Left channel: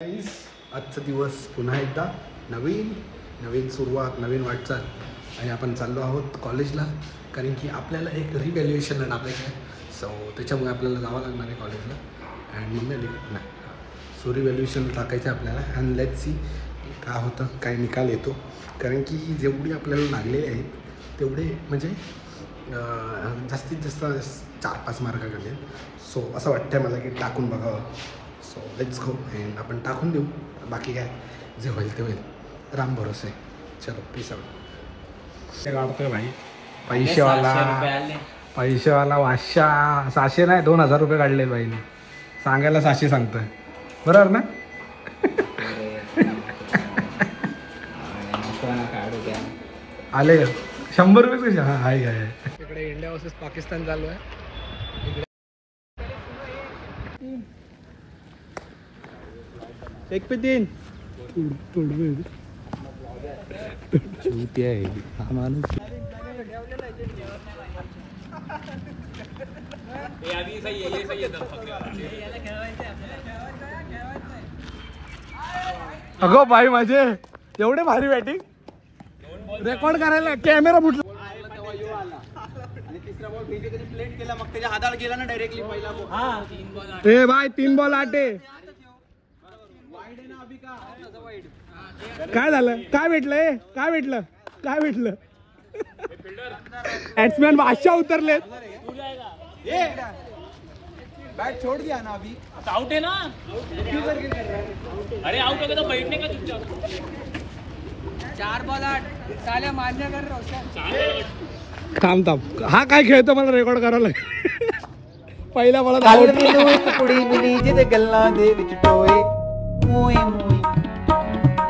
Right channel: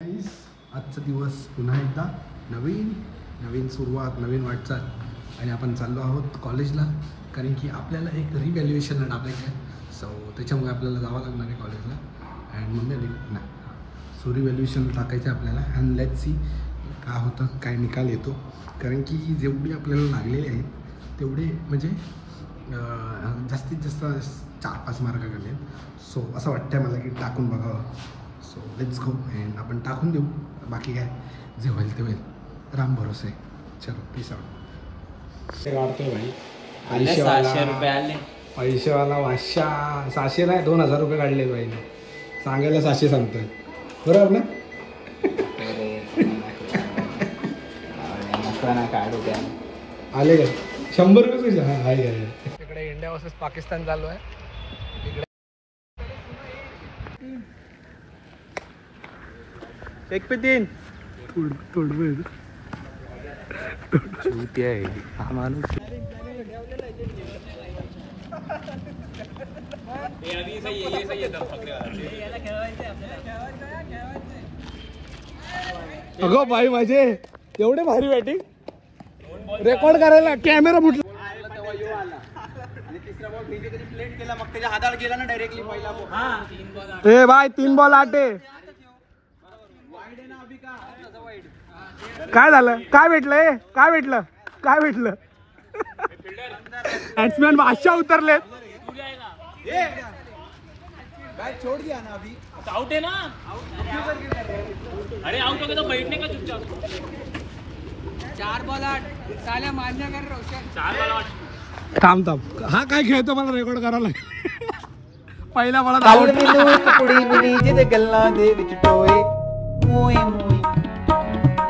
आजचा दिवस पुन्हा एकदा नवीन सुरुवात, नवीन वाटचाल आणि आपण चाललो आहोत कॉलेजला, कारण की आपल्याला एक रिव्हॅल्युएशनला टाकायचं आहे. सो त्याच्यामुळे आपल्याला जावं लागणार आहे कॉलेजला. अँड मम्मी आली नाही, सो रिव्हॅल्युएशनला टाकायचं आहे आपल्याला. अँड लेट्स सी काय होतं, काय निकाल येतो, कारण की जेवढी आपल्याला लागलेले आहेत तेवढे म्हणजे जास्तीत जास्त 4-5 मार्क कमी आहेत. सो असं वाटतं मला की टाकून बघावं. सो लेट्स गो अँड आपण टाकून देऊ. बाकी काय जे होईल ते होईल, राम भरोसे. चलो पीस आउट. काढतोय भाई पैसेवाला वाशा 600 नाही 2000 रुपये काढले बाईने. सांगायला 600 सांगतोय, बरोबर ना? आले का 100 रुपये कसे? हां आहे काय. इकडे इंडिया वर्सेस पाकिस्तान चालू आहे. इकडे 1 पे 3 आहे हा माणूस. अगो भाई माझे एवढे भारी बॅटिंग रेकॉर्ड करायला कॅमेरा फुटला. प्लेट केला, मग त्याच्या हाताला गेला ना डायरेक्टली पहिला बॉल. ए भाई 3 बॉल 8 आहे. काय झालं? काय भेटलं? काय भेटलं? काय भेटलं? बॅट्समॅन बादशाह उतरले. छोड़ दिया ना अभी. आउट है ना. अरे आउट हो गया तो बैठने का चुपचाप. 4 बॉल 8 साल्या मान्य कर रोशन. 4 बॉल 8 थांब. हा काय खेळतो मला रेकॉर्ड करायला लागेल. पहिला बॉल ਕੱਲ ਮੈਨੂੰ ਇੱਕ ਕੁੜੀ ਮਿਲੀ ਜਿਹਦੇ ਗੱਲਾਂ ਦੇ ਵਿੱਚ ਟੋਏ ਮੋਏ ਮੋਏ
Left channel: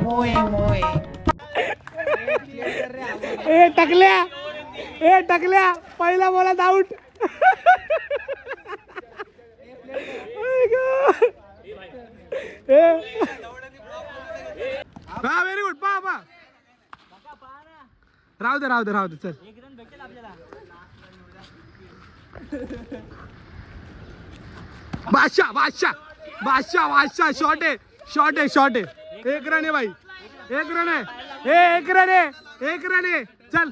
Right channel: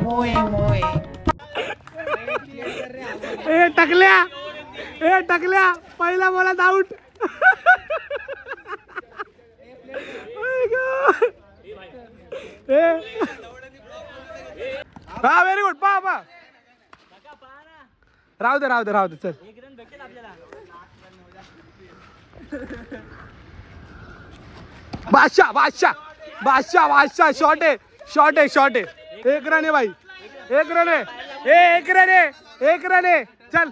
ਮੋਏ ਮੋਏ. ए टकल्या पहिला बॉलात आउट. हा व्हेरी गुड. पा राहू दे चल. बादशाह शॉट आहे. 1 रन आहे भाई. 1 रन आहे. चल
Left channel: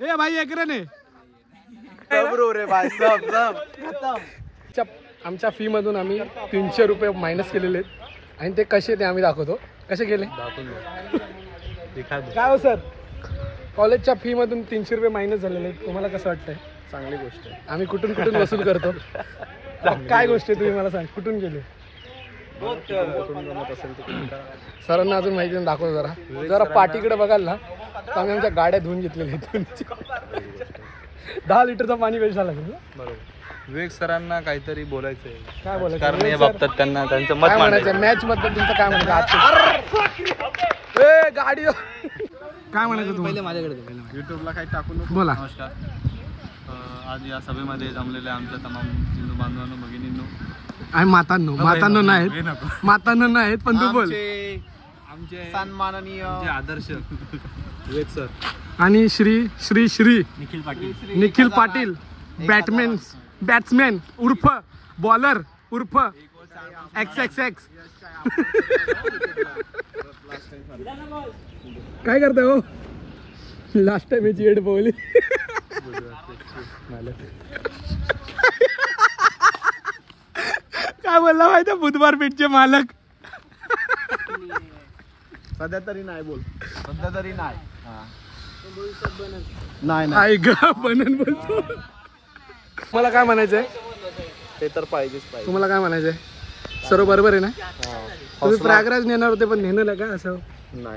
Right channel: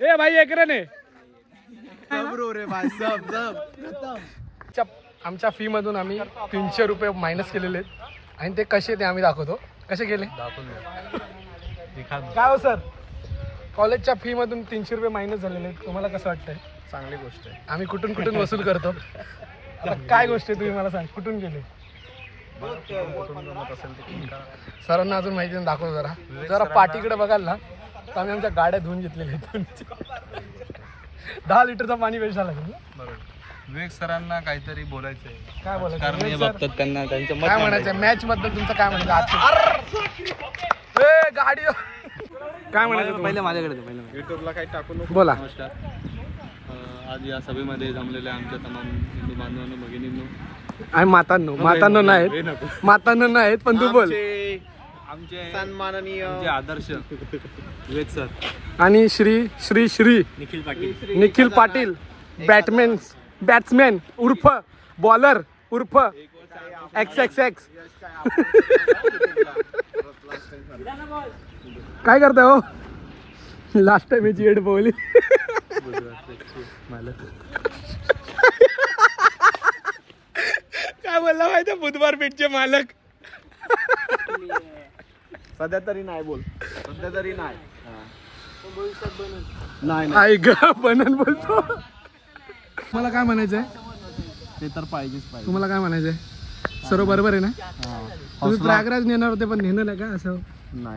ए भाई 1 रन आहे. आमच्या फी मधून आम्ही 300 रुपये मायनस केलेले आहेत आणि ते कसे ते आम्ही दाखवतो. कसे केले काय हो सर? कॉलेजच्या फी मधून 300 रुपये मायनस झालेले आहेत. तुम्हाला कसं वाटतंय? चांगली गोष्ट आहे. आम्ही कुठून वसूल करतो. काय गोष्ट आहे तुम्ही मला सांग, कुठून गेले? सरांना अजून माहिती नाही, दाखवतो जरा पाठीकडे बघाल ना तर आम्ही आमच्या गाड्या धुवून घेतलेल्या आहेत. 10 लिटरचा पाणी वेस्ट झाला ना. बरोबर. विवेक सरांना काहीतरी बोलायचंय. काय बोलायचं? त्यांना त्यांचं काय म्हणायचं मॅच बद्दल? तुमचं काय म्हणायचं आज? गाडी काय म्हणायचं तुम्हाला? माझ्याकडे युट्यूबला काही टाकून बोला. नमस्कार. आज या सभेमध्ये जमलेल्या आमच्या तमाम हिंदू बांधवांनो, भगिनींनो आणि मातांनो नाहीत पण तू बोल. आमचे सन्माननीय आदर्श विवेक सर आणि श्री निखिल पाटील बॅट्समॅन उर्फ बॉलर उर्फ XXX. काय करताय हो? लास्ट टाइम याची एड बोलली. काय बोलला माहिती? बुधवार पेठचे मालक. सध्या तरी नाही. बनन बोलतो. मला काय म्हणायचंय? ते तर पाहिजेच. तुम्हाला काय म्हणायचंय? सर्व बरोबर आहे ना? तुम्ही प्रयागराज नेणार होते पण नेलं का? असं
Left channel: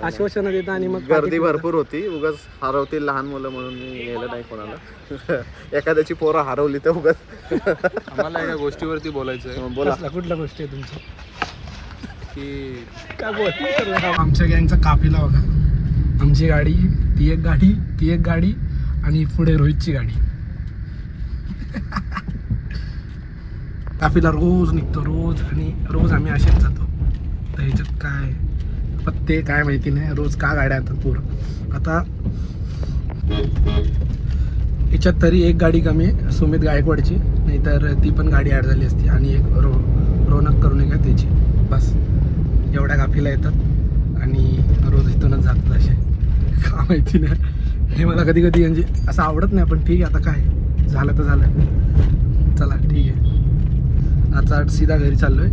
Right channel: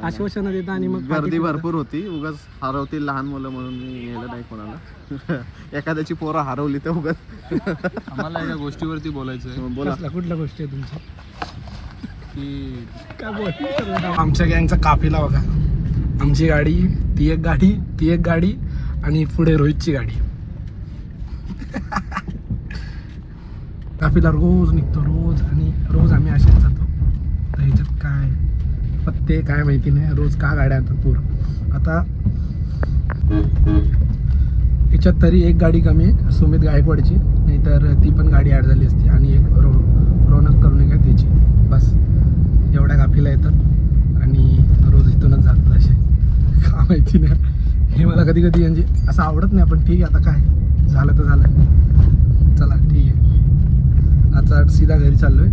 आश्वासन देता आणि मग गर्दी भरपूर होती. उगाच हरवतील लहान मुलं म्हणून मी नेलं नाही कोणाला. एखाद्याची पोरं हरवली तर उगाच. आम्हाला एका गोष्टीवरती बोलायचंय. बोला. कुठल्या गोष्टी आहे तुमची? की काय बोल? आमच्या गँगचा काफिला बघा. आमची गाडी, ती एक गाडी आणि पुढे रोहितची गाडी. काफिला रोज निघतो आणि रोज आम्ही असेच जातो. तर ह्याच्यात काय पण ते काय माहिती नाही. रोज का गाड्या येतात पूर्ण. आता ह्याच्यात तरी एक गाडी कमी आहे सुमित गायकवाडची, नाहीतर ती पण गाडी ॲड झाली असती. आणि एक रोनक करून एक आहे त्याची. बस कॉफीला येतात आणि रोज इथूनच जातात असे. का माहिती नाही, हे मला कधी कधी म्हणजे असं आवडत नाही, पण ठीक आहे आता काय झालं तर झालं. चला ठीक आहे, आता सीधा घरी चाललोय.